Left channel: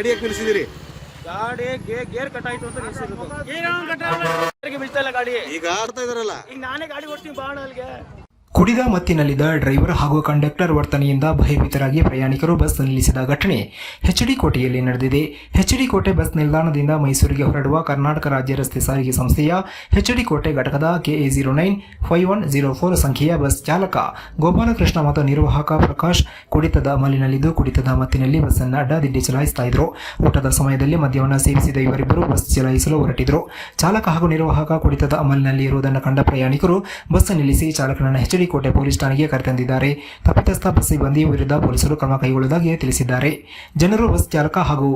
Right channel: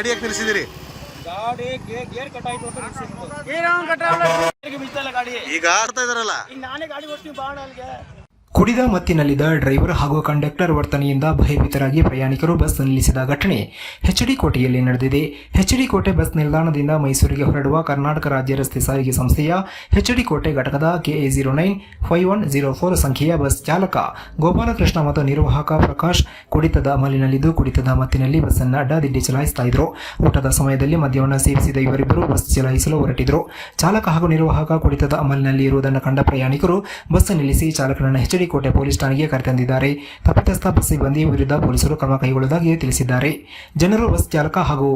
ಗಾಡಿ ಯಾಕೆ ನಿಲ್ಲಿಸಿದಿರಿ? ಗಾಡಿ ಗೇರ್ ಕಟ್ ಆಯ್ತು ಅಂತ ನಿಲ್ಸಿರೋದು. ಗಾಡಿ ಈಗ ಆಡ್ತಾ ಇದಾರಲ್ಲ, ಈಗ ನಾನೇ ಗಾಡಿ ಓಡಿಸ್ತೀನಿ ಬಾಣ ಅಲ್ಲಿಗೆ. ಕುಡಿದ ಮತ್ತಿನಲ್ಲಿದ್ದ ಡ್ರೈವರ್ ಹಾಗೂ ಕಂಡಕ್ಟರ್ ವರ್ತನೆಯಿಂದ ಭಯಭೀತರಾಗಿ ಪ್ರಯಾಣಿಕರು ಬಸ್ ನಿಲ್ಲಿಸಿದ ಘಟನೆ ಎಚ್ಡಿ ಕೋಟೆಯಲ್ಲಿ ನಡೆದಿದೆ. ಎಚ್ಡಿ ಕೋಟೆ ಬಸ್ ನಿಲ್ದಾಣದಿಂದ ಮೈಸೂರಿಗೆ ಹೊರಡುವ ಕರ್ನಾಟಕ ರಾಜ್ಯ ರಸ್ತೆ ಸಾರಿಗೆ ಸಂಸ್ಥೆಯ ಎಚ್ಡಿ ಕೋಟೆ ಘಟಕದ KA095104 ಸಂಖ್ಯೆಯ ಬಸ್ ಚಾಲಕ ಗೋಪಾಲಕೃಷ್ಣ ಮತ್ತು ನಿರ್ವಾಹಕ ಪ್ರಕಾಶ್ ಕುಡಿತದ ಅಮಲಿನಲ್ಲಿದ್ದು ಕುಡಿತದ ಮತ್ತಿನಲ್ಲಿ ಬಸ್ಸನ್ನು ಅಡ್ಡಾದಿಡ್ಡಿ ಚಲಾಯಿಸ್ತಾ ಇದ್ರು. ಊಟದ ಸಮಯದಲ್ಲಿ ಮದ್ಯವನ್ನು ಸೇವಿಸಿದ ಇವರಿಬ್ಬರು ಬಸ್ ಚಲಾಯಿಸಲು ಹೊರಟಿದ್ರು. ಚಾಲಕ ಹಾಗೂ ನಿರ್ವಾಹಕ ಕುಡಿತದ ಅಮಲಿನಲ್ಲಿ ಇರುವುದನ್ನು ಕಂಡ ಪ್ರಯಾಣಿಕರು ಬಸ್ ನಿಲ್ಲಿಸಿ ಚಾಲಕನನ್ನು ಎಚ್ಡಿ ಕೋಟೆ ಪೊಲೀಸ್ ಠಾಣೆಗೆ ಕರೆತಂದಿದ್ದಾರೆ. ತಪ್ಪಿತಸ್ಥ ಬಸ್ ಸಿಬ್ಬಂದಿ ವಿರುದ್ಧ ಪೊಲೀಸರು ಕ್ರಮ ಕೈಗೊಳ್ಳುವುದಾಗಿ ತಿಳಿಸಿದ್ದಾರೆ. ಜನರು ಬಸ್ ಚಾಲಕ ಹಾಗೂ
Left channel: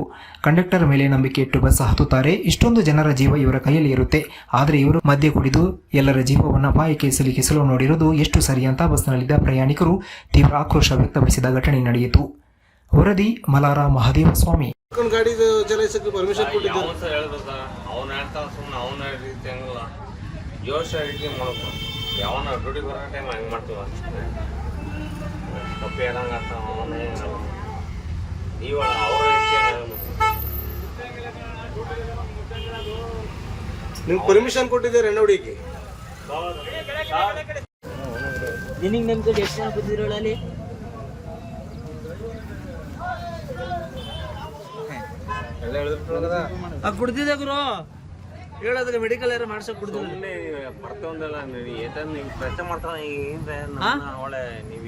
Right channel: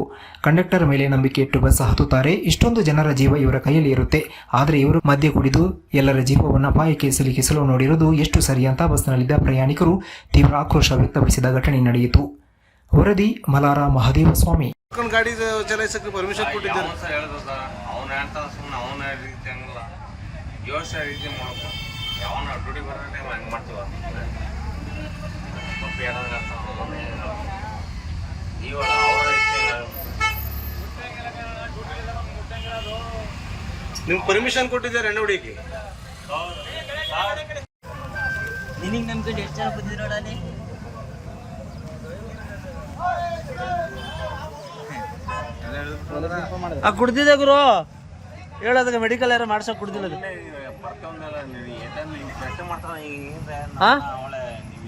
ಕಂಡಕ್ಟರ್ ಮೇಲೆ ನಂಬಿಕೆ ಇಟ್ಟು ಬಸ್ ಹತ್ತುತ್ತಾರೆ. ಇಷ್ಟೊಂದು ಜನರ ಜೀವ ಇವರ ಕೈಯಲ್ಲಿ ಇರುತ್ತೆ, ಆದರೆ ಇವರು ಮದ್ಯ ಕುಡಿದು ಎಲ್ಲರ ಜೀವವನ್ನು ಅಪಾಯಕ್ಕೆ ಸಿಲುಕಿಸಲು ನೋಡಿರುವುದು ಎಷ್ಟು ಸರಿ ಅಂತ ಬಸ್ನಲ್ಲಿದ್ದ ಪ್ರಯಾಣಿಕರು ತೀವ್ರ ಆಕ್ರೋಶ ವ್ಯಕ್ತಪಡಿಸಿದ ಘಟನೆ ನಡೆಯಿತು. ವರದಿ ಮಲಾರ ಮಹದೇವ ಸ್ವಾಮಿ. ಗಾಡಿ ಚಲಾಯಿಸಕ್ಕೆ ಪರ್ಮಿಷನ್ ಕೊಟ್ಟಿದ್ದಾರೆ. ಯಾವನ ಡ್ಯೂಟಿ ಬರೋ ಟೈಮ್ ಹಂಗೆ ಮಾಡ್ತೀವ ತಪ್ಪು ಯಾರಂಗೆ ಆಗ್ತಾವ ಅವನೇ ಇವಾಗ ಅವರ ನಿಮ್ಗೆ ಪರ್ಮಿಷನ್ ಕೊಟ್ಟಿದ್ದಾರೆ ಎಣ್ಣೆ ಹೊಡಿಯಕ್ಕೆ? ನಿನಗೆ ನಮ್ಮ ಕಡೆ ಎಷ್ಟು ಜನ ಕೂತಿದ್ರಲ್ಲ ಅಲ್ಲಿ? ಕುಡ್ದಿದ್ದ ಗುರು ಹೇಳೋದಕ್ಕೆ ಮೆಡಿಕಲ್ ಯಾರು ಮಾಡ್ಸಕ್ ಕುಡ್ದಿಲ್ಲ. ಬರ್ತೊಂದಲ್ಲ ನೀವು ಪ್ರಶ್ನೆ ಮಾಡ್ತಾರ ನೀವು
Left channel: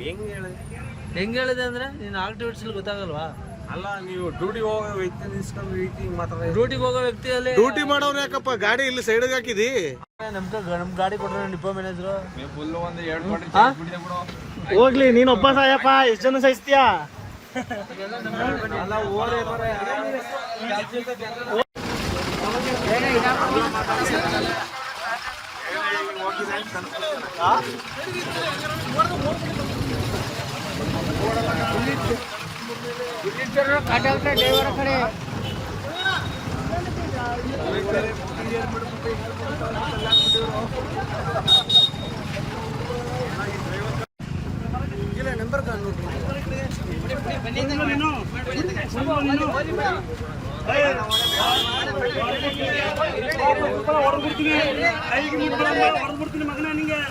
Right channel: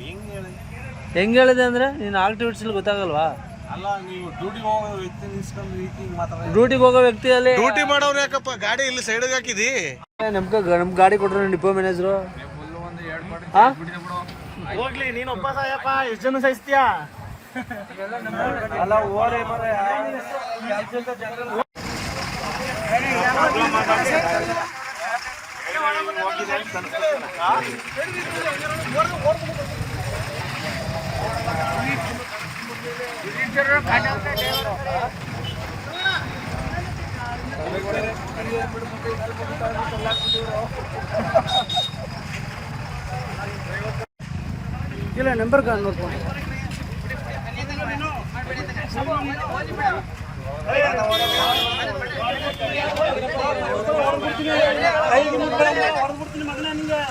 ಹೆಂಗ್ ಹೇಳಿದೆ ಅಂದ್ರೆ ನೀನು ಆಕ್ಟಿವಿಟೀಸ್ ಗೊತ್ತಾಗಲ್ವಾ? ಅಲ್ಲ ನೀವು ಡ್ಯೂಟಿಗೆ ಹೋಗೋ ವ್ಯಕ್ತಿ ನಿಲ್ಸ್ಕೊಂಡು ರೀತಿ ಮಾತಾಡ. ಡ್ಯೂಟಿಗೆ ಹೋಗೋ ವ್ಯಕ್ತಿಯಲ್ಲಿ ಡ್ಯೂಟಿ ಮಾಡೋರು ಯಾಕಪ್ಪ ಗಾಡಿ ಇಲ್ಲಿ ಸೈಡ್ಗೆ ಹಾಕಿದಿ? ನಮ್ ಗಾಡಿ ಕೊಟ್ರು ಡಿಪೋ ಮ್ಯಾನೇಜರು. ಹೋಗ್ಲಿ ನೀನು ಒಬ್ಬ ಸಾಯಪ್ಪ, ಎಷ್ಟು ಜನ ಸಾಯಿಸ್ತೀಯಾ? ಇಲ್ಲ ನಂಬರ್ ಹೊಡೆದ್ಬಿಡ್ತೀನಿ ಕೈಗೆ ಹೊಡೆದ್ಬಿಡ್ತೀನಿ ಮಗನ ನಿಂಗೆ.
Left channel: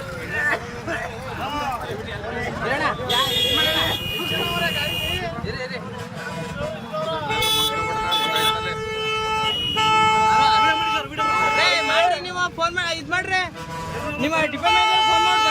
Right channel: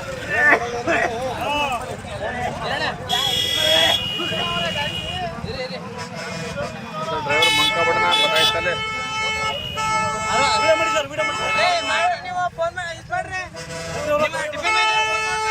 ನೀವು ಫೋನ್ ಮಾಡಿ ಇದು ಮಾಡ್ರಿ, ನಿಮ್ಮ ಡಿಪೋ ಮೇಲೆ ಫೋನ್ ಮಾಡಿ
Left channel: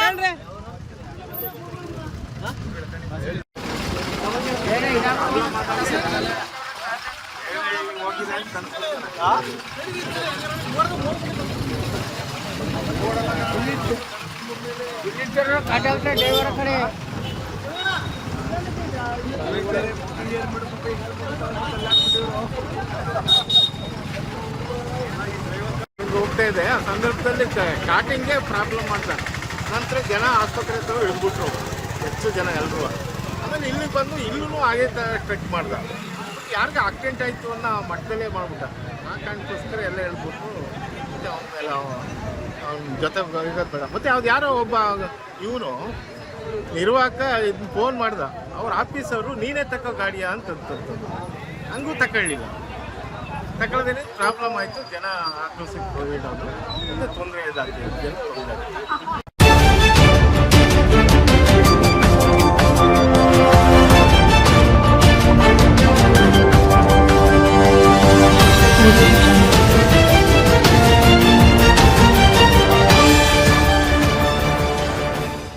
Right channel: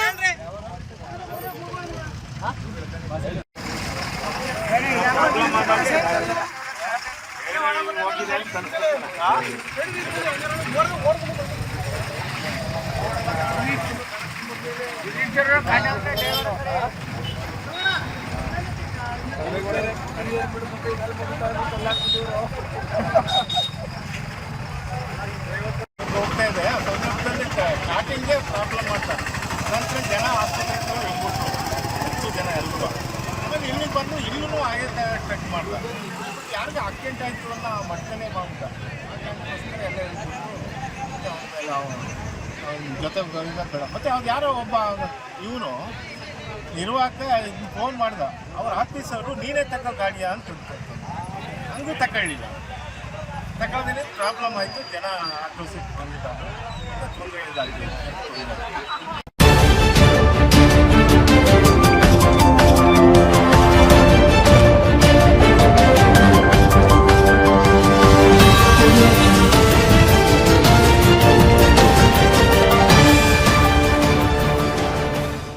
ಹೋಗ್ತಾ ಇದೆ. ಆ ಸಂದರ್ಭದಲ್ಲಿ ಸ್ಟಾರ್ಟಿಂಗ್ಗೆ ಪ್ರಾಬ್ಲಮ್ ಮಾಡ್ತಾರೆ. ನಂತರ ಜನ ಆಸ್ಪತ್ರೆ ಹತ್ರ ಇಳ್ಬಿಟ್ರು, ಹೆಚ್ಚು ಜನ ಎಲ್ಲರೂ. ಆಮೇಲೆ ಇಲ್ಲಿಗೆ ಬಂದು ಇಲ್ಲೂ ಹಾಗೆ ಟ್ರೆಕ್ ಮಾಡ್ದ. ಬಟ್ ಯಾರಿಗೆ ಆಕ್ಸಿಡೆಂಟ್ ಆಯಿತು ಅನ್ನೋ ಮಟ್ಟದಲ್ಲೇ ಮಾಡ್ಬಿಟ್ಟ. ಆ ಕಾರಣಕ್ಕೋಸ್ಕರ ಎಲ್ಲ ಹೇಳ್ಬಿಟ್ಟು ಮತ್ತು ಅವನ್ನೆಲ್ಲ ಅವ್ನ ಜೊತೆ ಇರೋದು ಬೇಡ. ಮತ್ತು ಅವ್ರು ಯಾರೋ ಒಬ್ಬ ಇವನು ನಿರ್ವಾಹಕ ಇದನ್ನ ಫೋನ್ ಮಾಡ್ದ, ಅವ್ರ ಆಫೀಸವರು ನೀನೇ ತಗೋ ಗಾಡಿಯಾ ಅಂತಂತಂದು. ಹಂಗೂ ತಗೊಳ್ಳಿಲ್ಲ. ತಗೊಳ್ಳೋದೇನೆ ಪ್ರಾಬ್ಲಮ್ ಆಯಿತು. ಜನ ಆಕ್ರೋಶಕ್ಕೆ ಹೋಗಿಡೋದು ಮತ್ತು ತೊಂದರೆ ಇದಾಗಿದೆ, ಜನ ತೊಂದರೆ.